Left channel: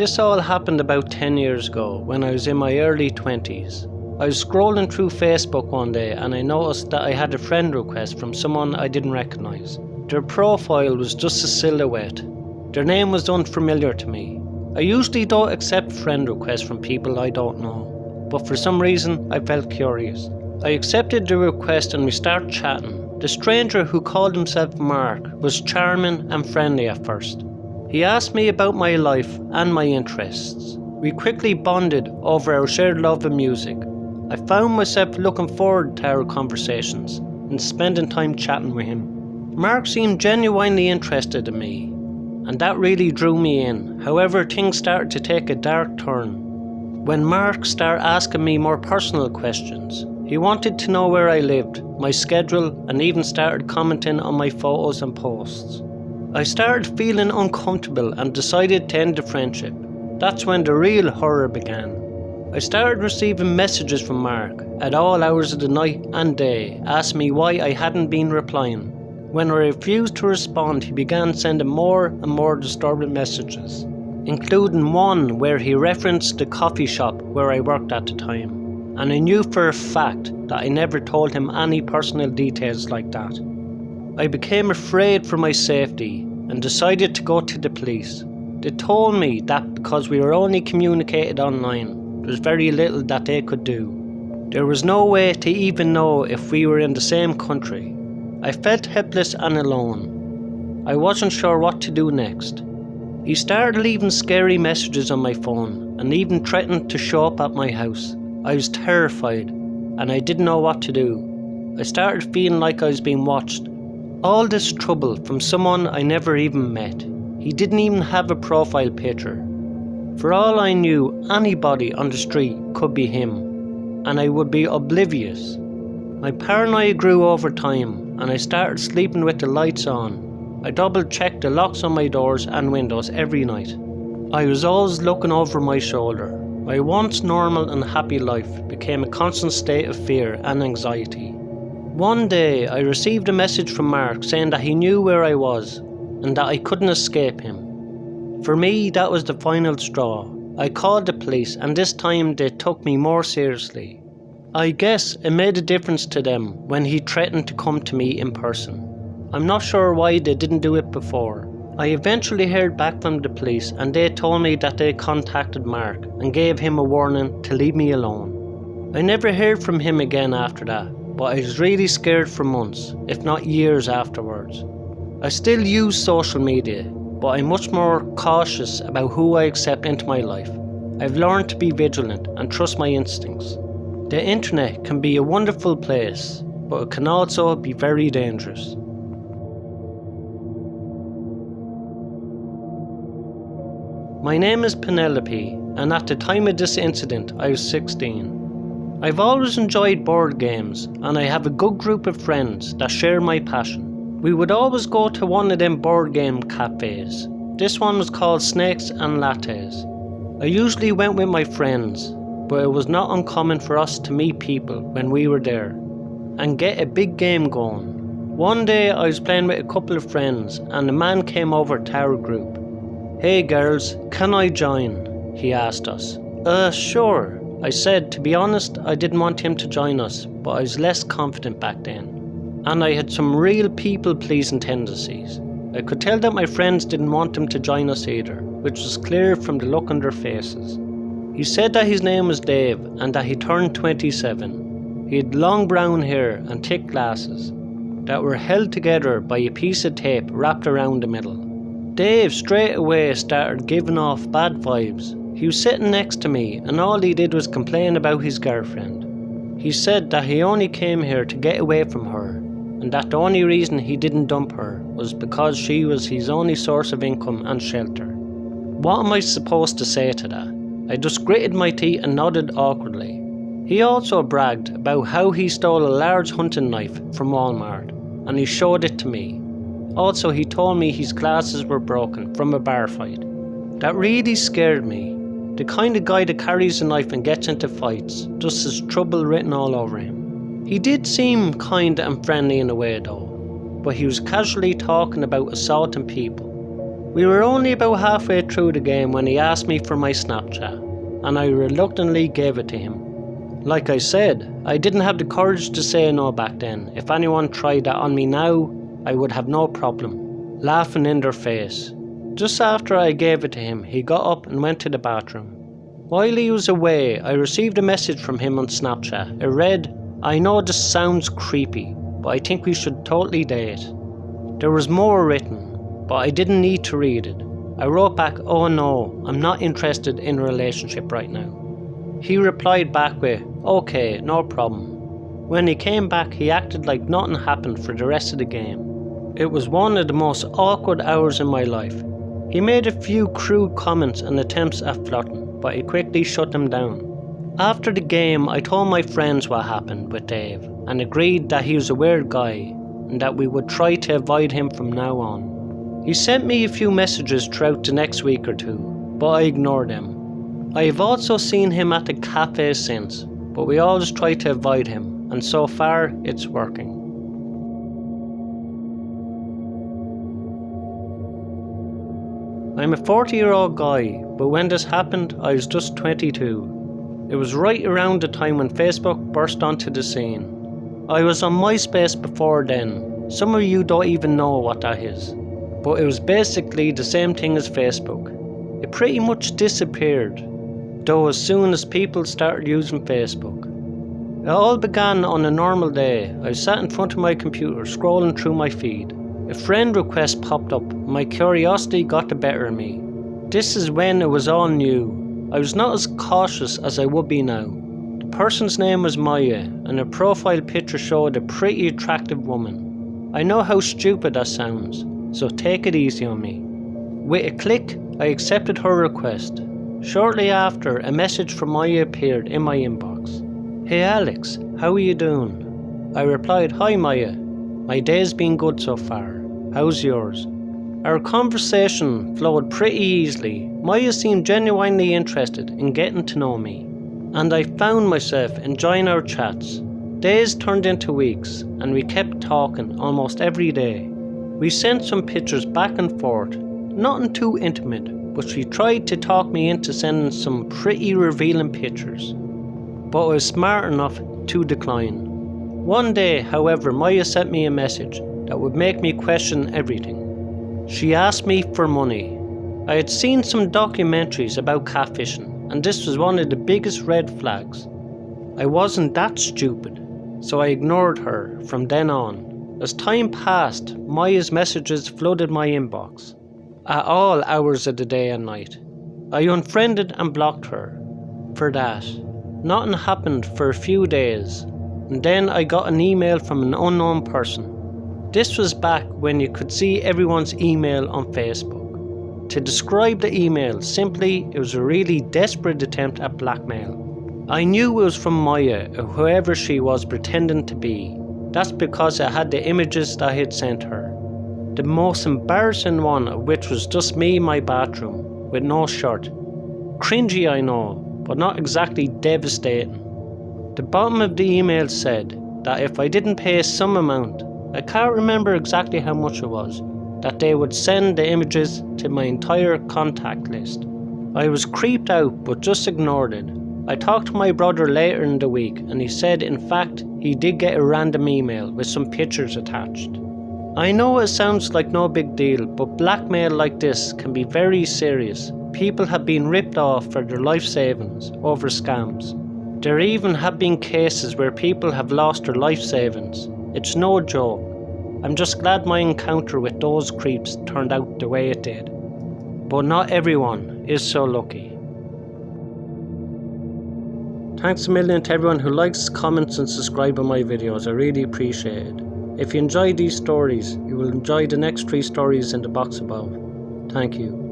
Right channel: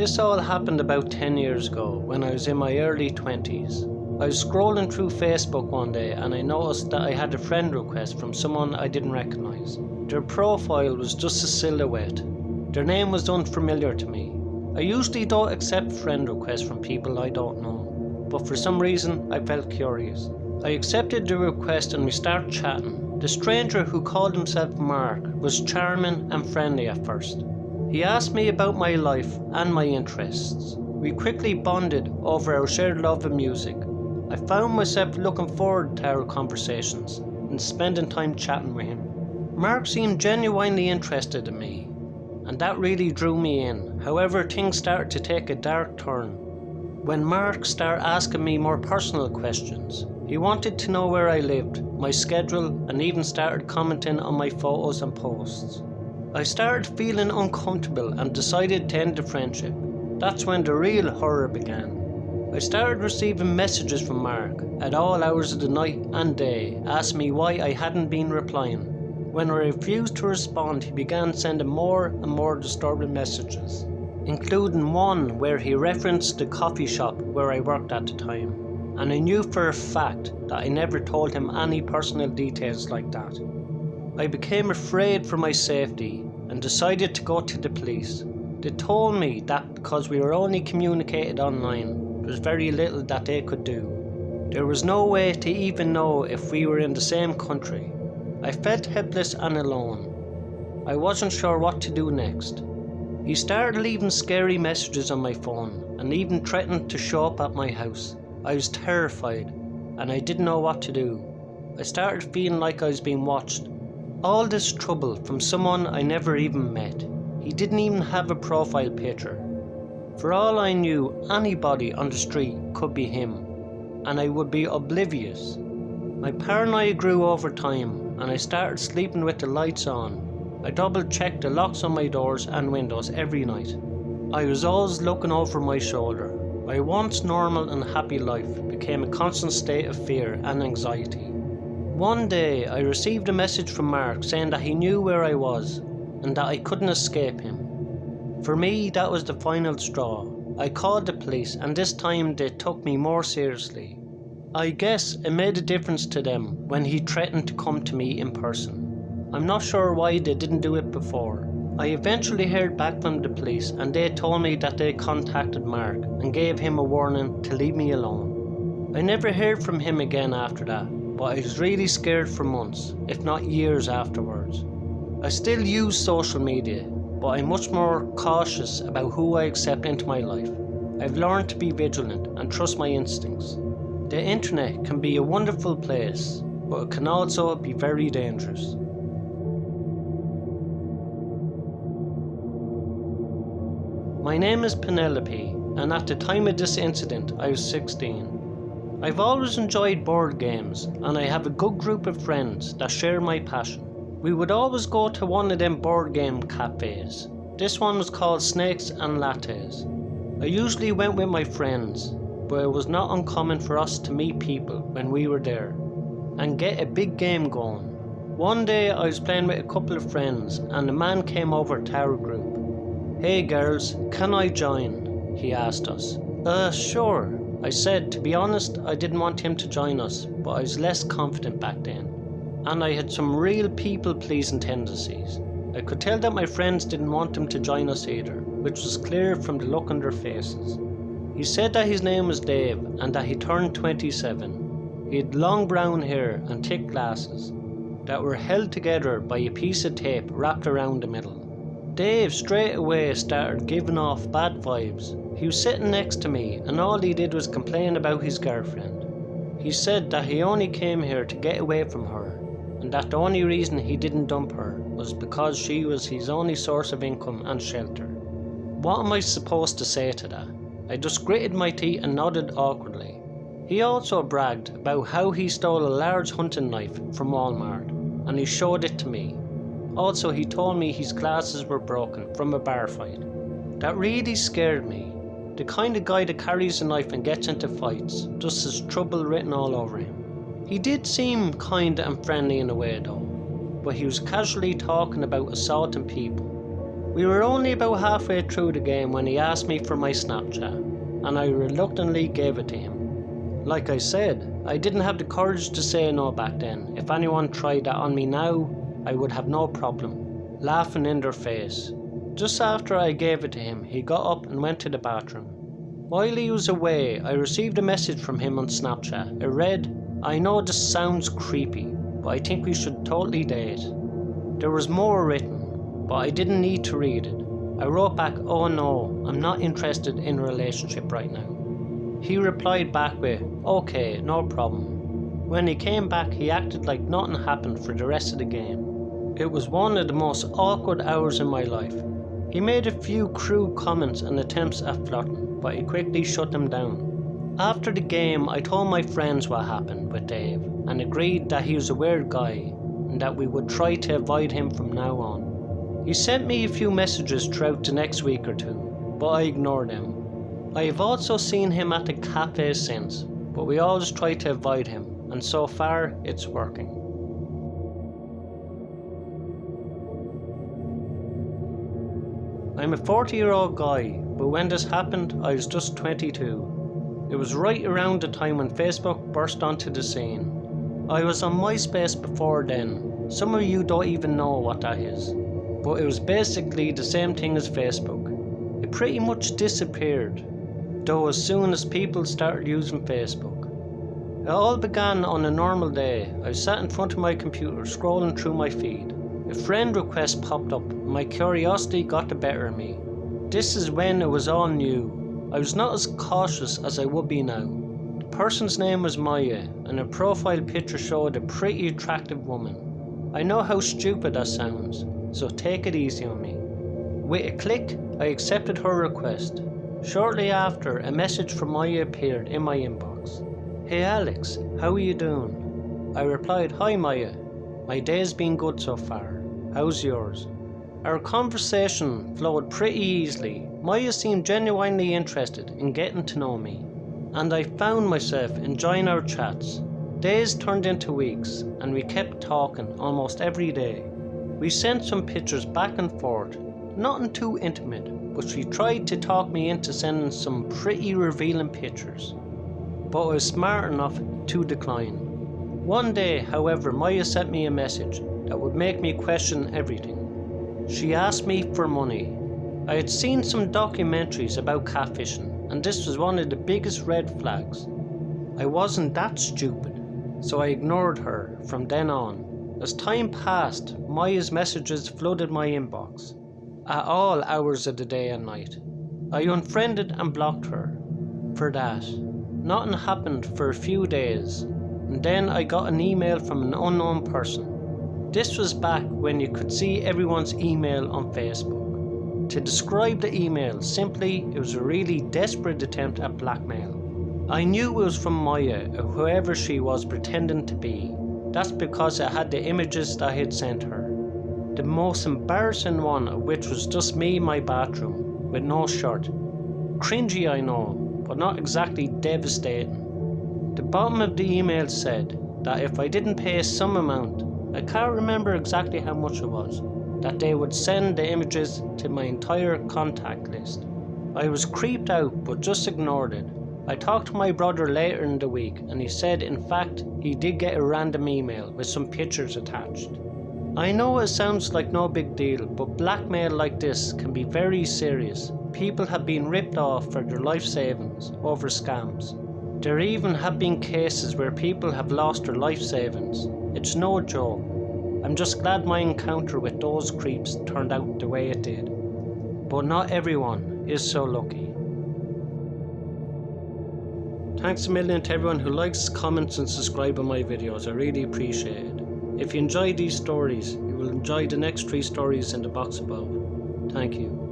This all happened about 10 years ago when I was in my early 20s. I was scrolling through Facebook one day and I noticed that I had a friend request from someone I didn't recognise. Their profile was just a silhouette. Their name was unfamiliar to me. I usually don't accept friend requests from people I don't know, but for some reason I felt curious. I accepted the request and we started chatting. The stranger, who called himself Mark, was charming and friendly at first. He asked me about my life and my interests. We quickly bonded over our shared love of music. I found myself looking forward to our conversations and spending time chatting with him. Mark seemed genuinely interested in me, and that really drew me in. However, things started to take a dark turn when Mark started asking me more personal questions. He wanted to know where I lived, my schedule, and even started commenting on my photos and posts. I started feeling uncomfortable and decided to end the friendship. That's when the real horror began. I started receiving messages from Mark at all hours of the night and day, asking me why I hadn't been replying. When I refused to respond, he began sending more and more disturbing messages, including one where he referenced the coffee shop where I worked at the time. And I knew for a fact that I never told him any personal details like that. I became afraid for my safety and decided to go to the police. They told me that because we were only communicated online, there was very little that they could do. There was no way to even know if we were in the same country. I felt helpless and alone. I wasn't sure what to do next. He started leaving scary messages on my phone and even threatened to show up at my house. I was terrified and I didn't know what to do. I started feeling like I was being watched. All this trouble from someone I never even met. He didn't even have a profile picture. For all I knew, anybody on the street could be him, and I would be oblivious. My paranoia grew over time and I started sleeping with the lights on. I double checked the locks on my doors and windows every night. I was always looking over my shoulder. My once normal and happy life became a constant state of fear and anxiety. One day I received a message from Mark saying that he knew where I was and that I couldn't escape him. For me, that was the final straw. I called the police and this time they took me more seriously. I guess it made a difference to them when he threatened to come to me in person. I'm not sure why they didn't do it before. I eventually heard back from the police and they told me that they contacted Mark and gave him a warning to leave me alone. I never heard from him again after that, but I was really scared for months, if not years afterwards. I still use social media, but I'm much more cautious about who I accept into my life. I've learned to be vigilant and trust my instincts. The internet can be a wonderful place, but it can also be very dangerous. My name is Penelope, and at the time of this incident I was 16. I've always enjoyed board games, and I have a good group of friends that share my passion. We would always go to one of them board game cafes. This one was called Snakes and Lattes. I usually went with my friends, but it was not uncommon for us to meet people when we were there and get a big game going. One day I was playing with a couple of friends and a man came over to our group. "Hey girls, can I join?" he asked us. Sure, I said. To be honest, I didn't want him to join us, but I was less confident back then. And I had some real people-pleasing tendencies. I could tell that my friends didn't want him to join us either, which was clear from the look on their faces. He said that his name was Dave and that he turned 27. He had long brown hair and thick glasses that were held together by a piece of tape wrapped around the middle. Dave straight away started giving off bad vibes. He was sitting next to me and all he did was complain about his girlfriend. He said that he only came here to get away from her and that the only reason he didn't dump her was because she was his only source of income and shelter. What am I supposed to say to that? I just gritted my teeth and nodded awkwardly. He also bragged about how he stole a large hunting knife from Walmart and he showed it to me. Also, he told me his glasses were broken from a bar fight. That really scared me. The kind of guy that carries a knife and gets into fights just has trouble written all over him. He did seem kind and friendly in a way though, but he was casually talking about assaulting people. We were only about halfway through the game when he asked me for my Snapchat, and I reluctantly gave it to him. Like I said, I didn't have the courage to say no back then. If anyone tried that on me now, I would have no problem laughing in their face. Just after I gave it to him, he got up and went to the bathroom. While he was away, I received a message from him on Snapchat. It read, "I know this sounds creepy, but I think we should totally date." There was more written, but I didn't need to read it. I wrote back, "Oh no, I'm not interested in a relationship right now." He replied back with, "Okay, no problem." When he came back, he acted like nothing happened for the rest of the game. It was one of the most awkward hours in my life. He made a few crude comments and attempts at flirting, but I quickly shut them down. After the game, I told my friends what happened with Dave and agreed that he was a weird guy and that we would try to avoid him from now on. He sent me a few messages throughout the next week or two, but I ignored them. I have also seen him at the cafe since, but we always try to avoid him, and so far it's working. I'm a 40-year-old guy, but when this happened, I was just 22. It was right around the time when Facebook burst onto the scene. I was on MySpace before then. Some of you don't even know what that is. But it was basically the same thing as Facebook. It pretty much disappeared, though as soon as people started using Facebook. It all began on a normal day. I sat in front of my computer scrolling through my feed. A friend request popped up. My curiosity got the better of me. This is when it was all new. I was not as cautious as I would be now. The person's name was Maya, and her profile picture showed a pretty attractive woman. I know how stupid that sounds, so take it easy on me. With a click, I accepted her request. Shortly after, a message from Maya appeared in my inbox. "Hey Alex, how are you doing?" I replied, "Hi Maya, my day's been good so far. How's yours?" Our conversation flowed pretty easily. Maya seemed genuinely interested in getting to know me, and I found myself enjoying our chats. Days turned into weeks, and we kept talking almost every day. We sent some pictures back and forth, nothing too intimate, but she tried to talk me into sending some pretty revealing pictures, but I was smart enough to decline. One day, however, Maya sent me a message that would make me question everything. She asked me for money. I had seen some documentaries about catfishing, and this was one of the biggest red flags. I wasn't that stupid, so I ignored her from then on. As time passed, Maya's messages flooded my inbox at all hours of the day and night. I unfriended and blocked her. For that, nothing happened for a few days, and then I got an email from an unknown person. This was back when you could see everyone's email on Facebook. To describe the email simply, it was a really desperate attempt at blackmail. I knew it was from Maya, or whoever she was pretending to be. That's because I had the images that I had sent her. The most embarrassing one of which was just me in my bathroom, with no shirt. Cringy, I know, but not exactly devastating. The bottom of the email said that if I didn't pay some amount, I can't remember exactly how much it was, that they would send the images to my entire contact list. I was creeped out but just ignored it. I talked to my brother later in the week and he said in fact he did get a random email with some pictures attached. I know it sounds like no big deal, but blackmail like this can be very serious. People have been ripped off for their life savings over scams. There even have been cases where people have lost their life savings. It's no joke. I'm just glad my encounter with those creeps turned out the way it did. But not everyone is so lucky. Thanks a million to everyone who likes, comments and subscribes on my videos. I really appreciate it. If you enjoy these stories, you will enjoy the next 3 stories in the box above. Thank you.